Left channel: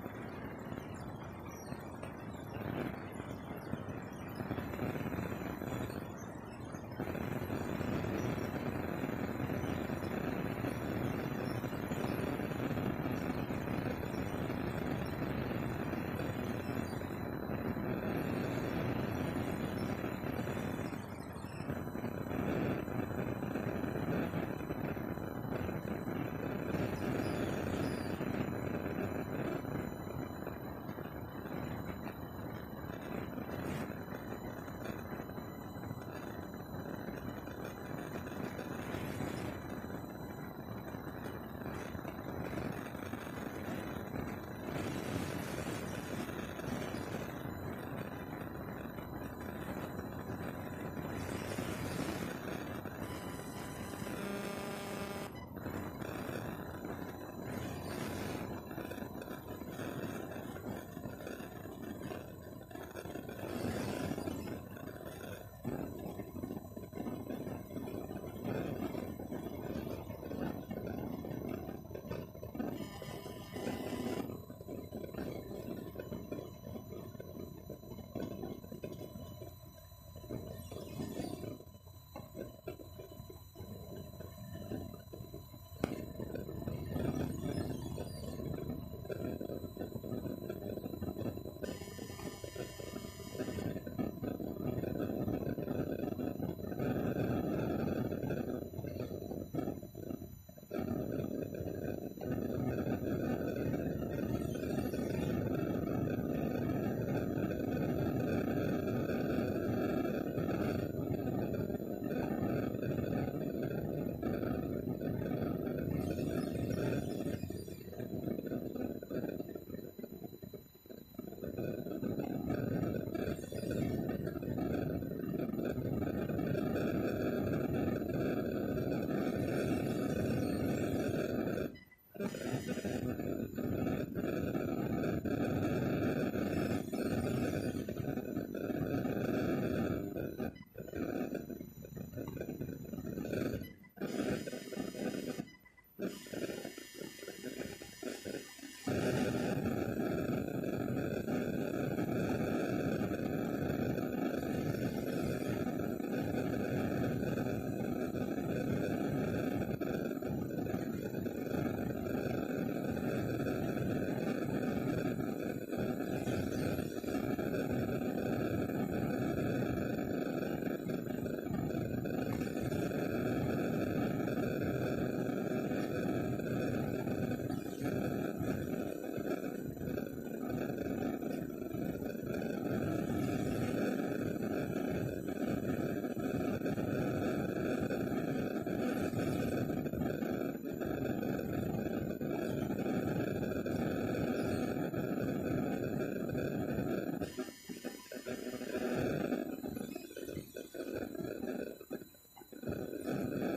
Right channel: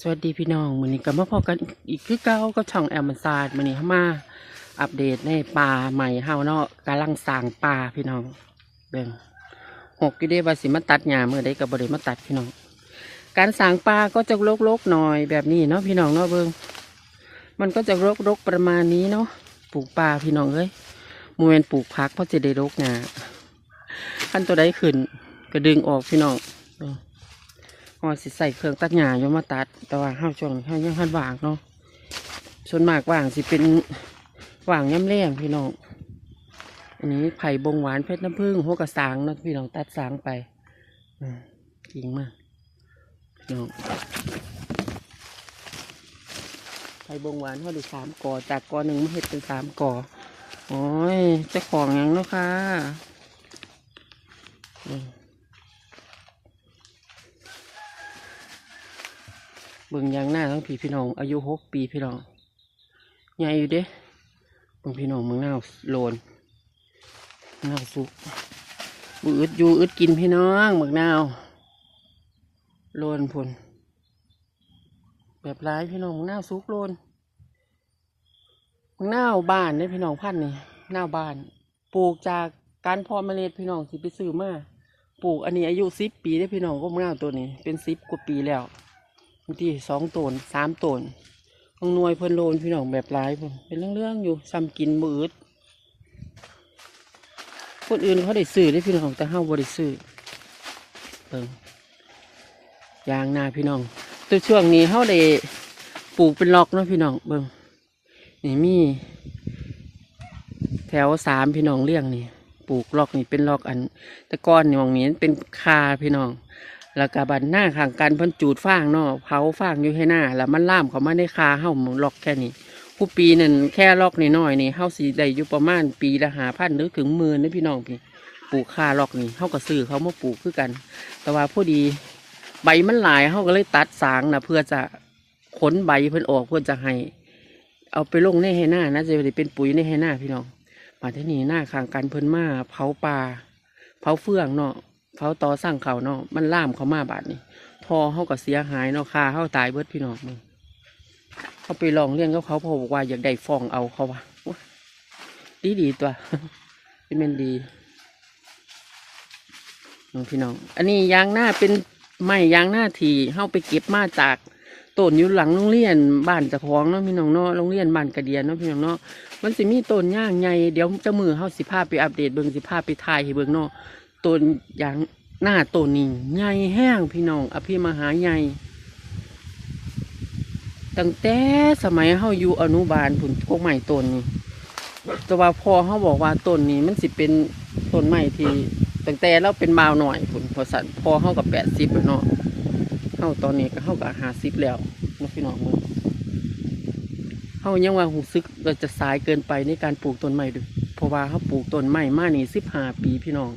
สวัสดีพี่น้องวันนี้ก็มาพบกันอีกคือเก้าก็ช่องแอมซาดวันนี้มาอัปเดตในป่าใหม่เฮาเนาะกำลังสร้างป่าพี่น้องเป็นหกอยู่เด้ว่าสิมาตัดหญ้าเมื่อใดก็บ่ได้มาตัดพี่น้อง การสร้างป่าก็จะโรกๆหน่อยแบบนี้เนาะพี่น้องเนาะเบิ่งมันก็จะรกๆประมาณนี้เนาะปลูกป่าพี่น้องเอ้ยโมเมนปลูกพักเพราะจะได้รกหญ้าขั้นตัวใดขึ้นก็ดึงออกพี่น้อง อสิใส่เครื่องตัดหญ้าอยู่มาตัด แต่ว่าห้าช่วงห้ายังหันว่างเนาะส่วนมากว่างสิเป็นว่างย่ำแรงพี่น้องอันนี้ไผ่บงหวานเพชรน้ำผึ้งหัวกระสางนะพี่น้องตัดสางไปอจริงมากเนาะไผ่บงหวานเขาด้สามกอจากกอหนึ่งมาเห็ดเป็นสามกอโอ้ยเจะของยังเนาะค่ะ เบิ่งยางหน้าทั้งพี่พี่น้อง อายุหกปีพี่น้องใหญ่อยู่เด้เบิ่งพี่น้องมึงน่าโลนน่าสุกบือึดอยู่อึดกินพี่น้องมึงน่าโลนพนแบบร้ายพี่น้องมึงน่าสุกโลนมึงน่าบ้านเนี่ยพี่น้องพันนี่น่าบ้าน ปลูกจากการพอเมล็ดพี่น้องสิไปซื้อมาปลูกอันนี้อายุสิบปีได้พี่น้องก็มึงน่าตัวนี้ เป็นสิบกว่าปีแล้ว บางทีสองตนสามตนบางนวยเพิ่นโลนพี่น้องแบบหลายเพิ่นเป็นเรื่องๆอยู่ซ้ำกินมืดคนอื่นเขาได้ซื้อได้พี่น้องแต่เฮาบ่ได้ซื้อเออยางนาพี่น้อง ตัวช่วงนี้เฮาได้ปลูกเป็นล็อกเนาะพี่น้องเบิ่งนี่มี แถวสามพี่น้องเลี้ยงนี่ปลูกล็อกนี่เป็นล็อกอันแต่ก้อนนี่หมองนี้เป็นคาพี่น้อง แล้วก็บันหน้าข้างกันเพิ่นจูดฟางเนาะเผาฟางอยู่ให้หน้า แล้วมันล่ามเขามาในคาเฮาหมล็อกแค่นี้ผู้ปีนั่นแค่ล็อกนี่น้อยๆนี่เฮาสิได้อยู่ประมาณปีละหาพันหรือถึงหมื่นนี่พี่น้องพี่ปลูกคาล็อกนี่เฮาก็ซื้อเขามาปลูกคือกัน แต่ว่าผู้ดีใบมันหลายเฮาก็เลยตัดสางนะเพื่อจะขนใบเพิ่นออกเพื่อจะให้ เอาไปลงในให้หน้านะจะได้เป็นปุ๋ยในให้หน้าพี่น้องมาที่นี่หน้าข้างกันเพิ่นมาเผาป่าเผาเฟืองเนาะ เขาต่อสร้างเขาเนาะมันล่ามเขามาบาดนี้ทอเขาก็เสียหายเนาะคาเขาตายเบิดพี่น้องเขาไปลองเรื่องกับเขาเขาบอกว่าอยากได้ฟองเอาเขาว่าดีดีตัวเป็นเมนดีน้องพี่น้อง อันนี้ยางหน้าเป็นไม้ยางหน้าทีเขาไปเก็บมาจากต้นอยู่หลังโรงเรียนบ้านจะคองเนาะพี่น้องเนาะโรงเรียนบ้านกระเดียนเนาะพี่น้องเนาะมันสิมีต้นย่างใหญ่เดี๋ยวเจะมือเขาสิพาไปอัปเดตเบิ่งสิพาไปถ่ายให้เบิ่งเนาะ ต้นอย่างหน้าต้นนี้ใหญ่แห้งพี่น้อง อภิมหาใหญ่ตั้งแต่สมัยเฮาอยู่อนุบาลผุนพวกใหม่ต้นนี้แต่ว่าพอเฮาบอกว่าต้นนี้มันสิเป็นต้นใหม่ที่ตั้งแต่เราเป็นบาวหน่อยผุนพอสันพอเฮากับแปดสิบเนาะเฮาตอนนี้ก็เฮากับห้าสิบแล้วเนาะพี่น้องเบิ่งเฮายังว่าหูซึกเราจะสายเกินไปในการปลูกต้นใหม่ด้วยเพราะว่าเฮาปลูกต้นใหม่มานี่สิบห้าปีพี่น้อง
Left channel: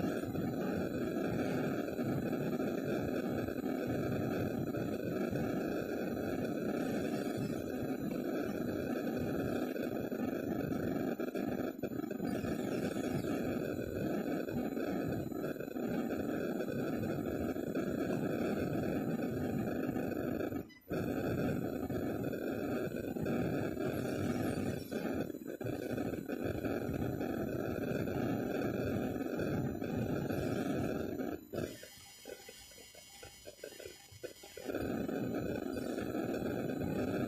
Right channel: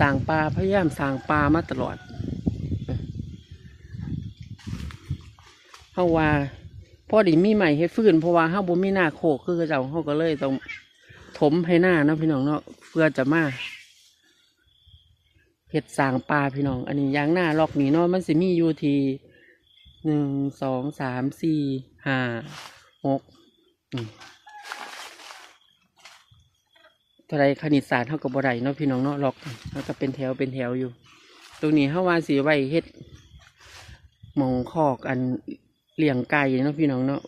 สร้างปลาพยายามสร้างปลามาตลอดเพราะว่าพอดีมีใหม่ให้ฟื้นเพราะว่าเฮาบ่มีหน้าโคกคือเจ้าเฮาก็เลยต้องถมให้หน้านะพี่น้องเนาะเพื่อจะมาเฮ็ดสางปลาพี่น้อง อันนี้ยางหน้าล็อกหนีเนาะมันสิมีอยู่ทีหนึ่งสองสามสี่ห้าหกเท่าไรคณิตศาสตร์เท่ากับบ่ไดเนาะพี่น้องเนาะล็อก มันก็เป็นแถวเป็นแถวอยู่ ตรงนี้เฮาว่าสีไว้เฮ็ดมองคอกอันเลี้ยงไก่เนาะพี่น้องเนาะ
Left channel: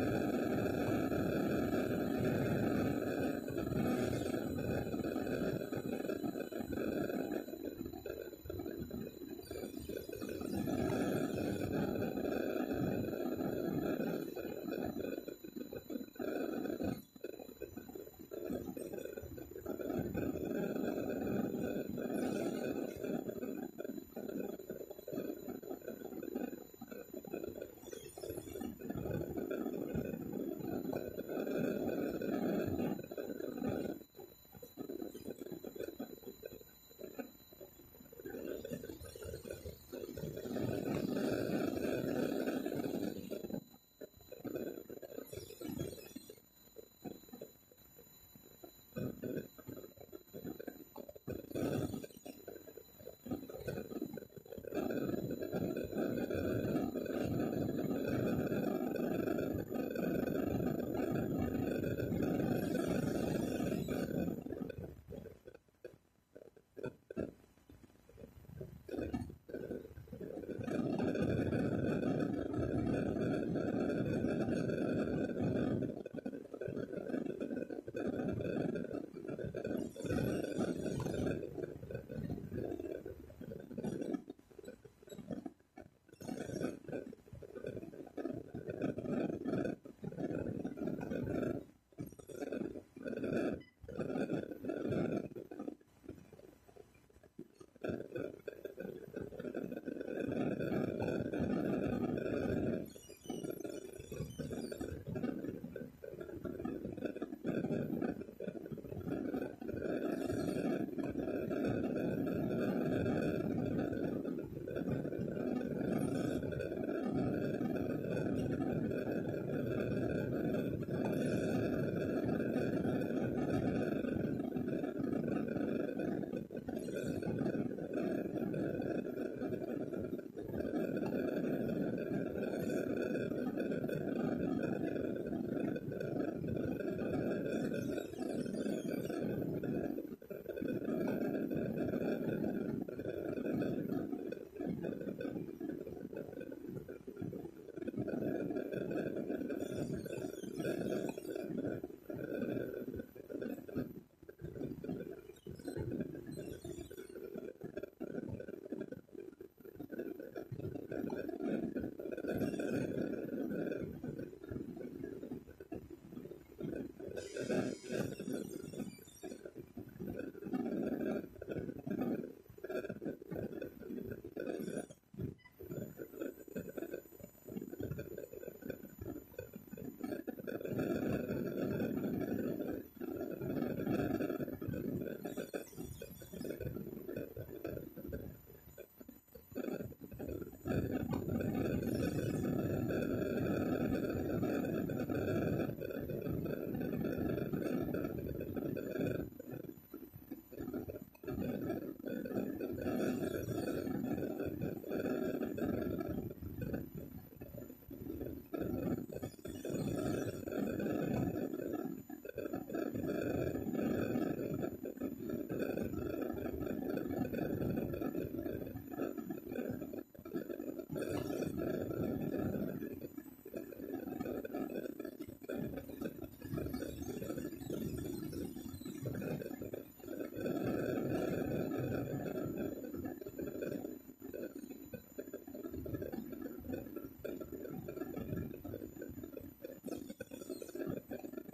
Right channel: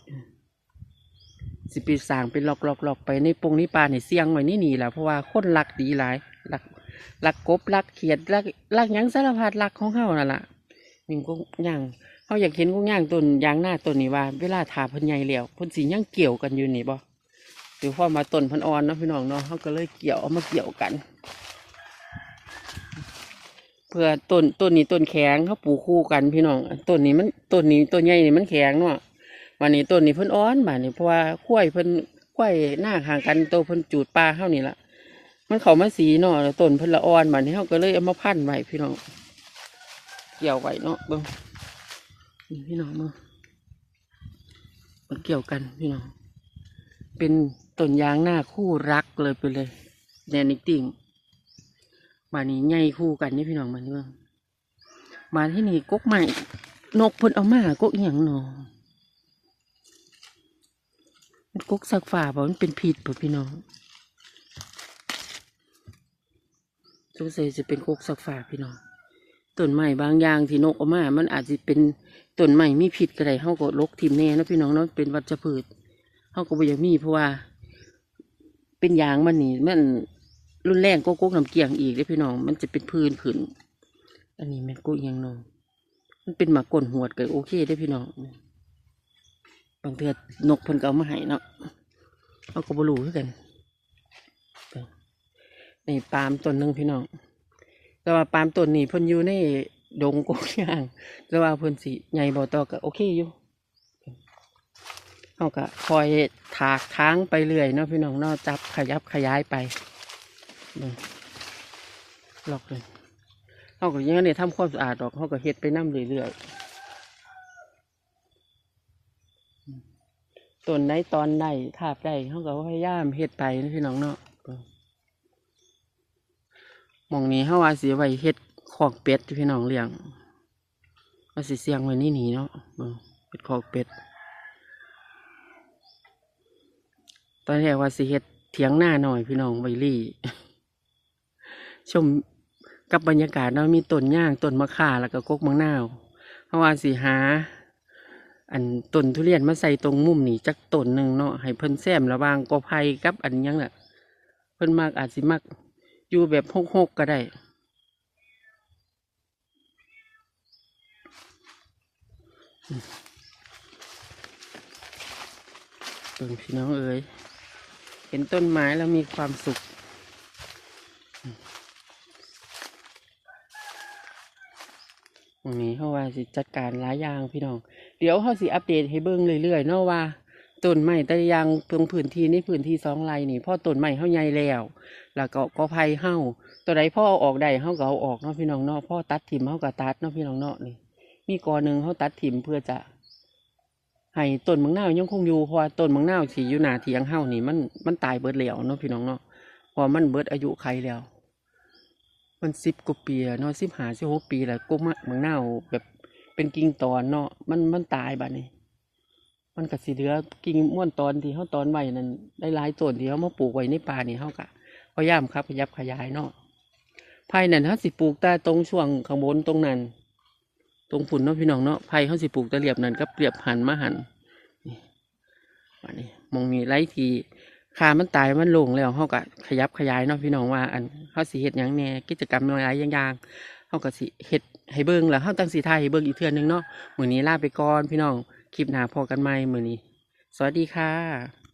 สิปีสางเป็นหลอกหลอกหลอกไปในปงนี้ปลาเนี่ยเสียงไว้นี่หนีแหละเพราะว่าคนรักดีหลายรักรักกบรักเขียดรักรักยังสารพัดรักของเฮานั่นแหล่ะยิงก็ย่างเฮาอยากเห็นกุ้งย่างต้นยางหน้าต้นนี้ว่า เวลาถาพิ่นใหญ่แล้วเพิ่นสิยังเกี่ยวกันอยู่นี่บ่หรือพอมาต้นพิ่นอ่อนเนาะพี่น้องเนาะเฮาก็เลยเกี่ยวเอามาเกี่ยวกัน พื่อต้นต้นนี้ต้นแข็งเขาปลูกคู่กันพี่น้องต้นนี้มันต้นนี้ต้นใหญ่นี่มันแข็งเนาะวันนี้ต้นนี้เพิ่นอ้อนบานนี้เพราะว่ากล้วยเพิ่นกล้วยหน้าห่างกันโตเพิ่นจูดปลาเท่านี้ละมันเขามาสีเนาะต้นเพิ่นละอ่อนบานนี้เขาก็เลยเอามาพันไว้พี่น้องเกี่ยวไว้เนาะเบิ่งพี่น้องเบิ่งมันเกี่ยวกันพี่น้องเป็นต้นยางหน้าคู่รักเลยไปเลยแดนิกติ่ง มานี่ใหญ่คู่กันนี่พี่น้องมันเมืองมาที่นี่กกใหม่ นกพ่นเอามากกอหย่างนาะกกสักฝ่าบ่มันเป็นพิษบ่พี่น้องสงสัยจะเป็นกกสักฝ่าพี่น้องต้นไม้บางอย่างที่นกเอามา มันอาจจะเป็นต้นไม้มีพิษก็ได้เฮาก็ลกทิ่มแน่นะพี่น้องเนาะเป็นวัชพืชเฮาก็บ่อยากมีเพราะว่า เป็นยางมันนี่มัน รุนแรงก็กกน้ำเกียงอีกเด้พี่น้อง มันจะเป็นพื้นขึ้นอันนี้ม่นกุยังนองมันเป็นหมากกลหวดก็โอเคได้พี่น้องบางเทือนกเพิ่นก็เอามาให้เนาะเขาก็บ่รู้คือกันนี่ปาล์มต้นหนึ่งพี่น้อง แต่ว่าปาล์มต้นนี้เพิ่นอยู่ในดงกกยางแต่ว่าเพิ่นสิใหญ่บ่ต่อก็โอเคอยู่เขาก็คอยถากทางไปเรื่อยเนาะพี่น้องเนาะจับขยับขยายไป นี่ลอกนี่เขาก็ยังได้ทำความสะอาดดอกเขาก็เฮ็ดไปน้ำเรื่อยๆต้นไหนตอนใดทาบใดเขาก็พยายามเฮ็ดไปนะพี่น้องเนาะมองนี้เขาว่าสิไว้เฮ็ดคอกเป็ดพี่น้องเลี้ยงว่าสิเสียงไว้นี่นี่เนาะเป็นคอกเป็ดตอนแรกว่าสิเฮ็ดเถียงหน้าหน่อยพี่น้องใบลี่ ชมกับบรรยากาศเนาะมีต้นย่างต้นมะข่าแล้วก็กกมังนาวเพราะว่าสิหา อันต้นทุเรียนมาใส่ตรงมุมนี่จักต้นหนึ่งเนาะให้เพิ่นแซมระวางกอไผ่กับอันยังน่ะเพิ่นมากอาจสิมักอยู่แบบหกๆก็ได้ต้นพี่น้องเอ๋ยเห็นต้นไม้แล้วมีความสุข วันนี้เขาว่า สิจัดการหลายอย่างพี่น้อง เดี๋ยวเขาสิอัปเดตให้เบิ่งเรื่อยๆเนาะว่าต้นไม้แต่ยางตรงพื้นที่ในพื้นที่สองไร่นี่พ่อต้นไม้เขาใหญ่แล้ว แล้วก็กอไผ่เฮาตัวใดพ่อเอาออกได้เฮาก็เอาออกเนาะพี่น้องเนาะพ่อตัดถิ่มเฮาก็ตัดเนาะพี่น้องเนาะมีกอหนึ่งเขาตัดถิ่มเพื่อจะให้ต้นมังนาวยังคงอยู่เพราะต้นมังนาวที่อยู่หนาเถียงเฮานี่มันมันตายเบิดแล้วเนาะพี่น้องเนาะเพอมันเบิดอายุไขแล้ว มันสิบกว่าปีเนาะสิบห้าสิบหกปีแล้วก็มะมังนาวแบบ เป็นกิ่งตอนเนาะมันมันตายบัดนี้ มันก็สิเหลือกิ่งม้วนตอนที่เขาตอนไว้นั่นหลายๆต้นที่เขามาปลูกไว้ในป่านี่เขาก็พยายามครับขยับขยายเนาะภายนั้นเขาสิปลูกแต่ตรงช่วงข้างบนตรงนั้น ตรงฝุ่นเนาะพี่น้องเนาะไผ่เขาสิปลูกตะเรียบนั่นก็เปรียบหันมาหันนี่อันนี้มองมีไรทีคามันตายมันลงแล้วเขาก็ขยับขยายเนาะพี่น้องว่า อันเขาสิเฮ็ดหยังแน่กิจกรรมหลายอย่างๆ เอากระสิเห็ดให้เบิ้งแล้วเขาตั้งสีไทายให้เบิ้งอีกเทื่อนึงเนาะมือนี้ลาไปก่อนพี่น้องคลิปหน้าพอกันใหม่มือนี้ สวัสดีค่ะ